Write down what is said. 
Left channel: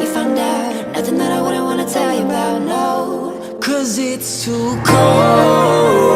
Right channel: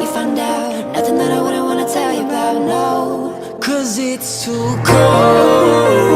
we find out. Nothing that I wouldn't wanna tell you about, no. 'Cause it's too cold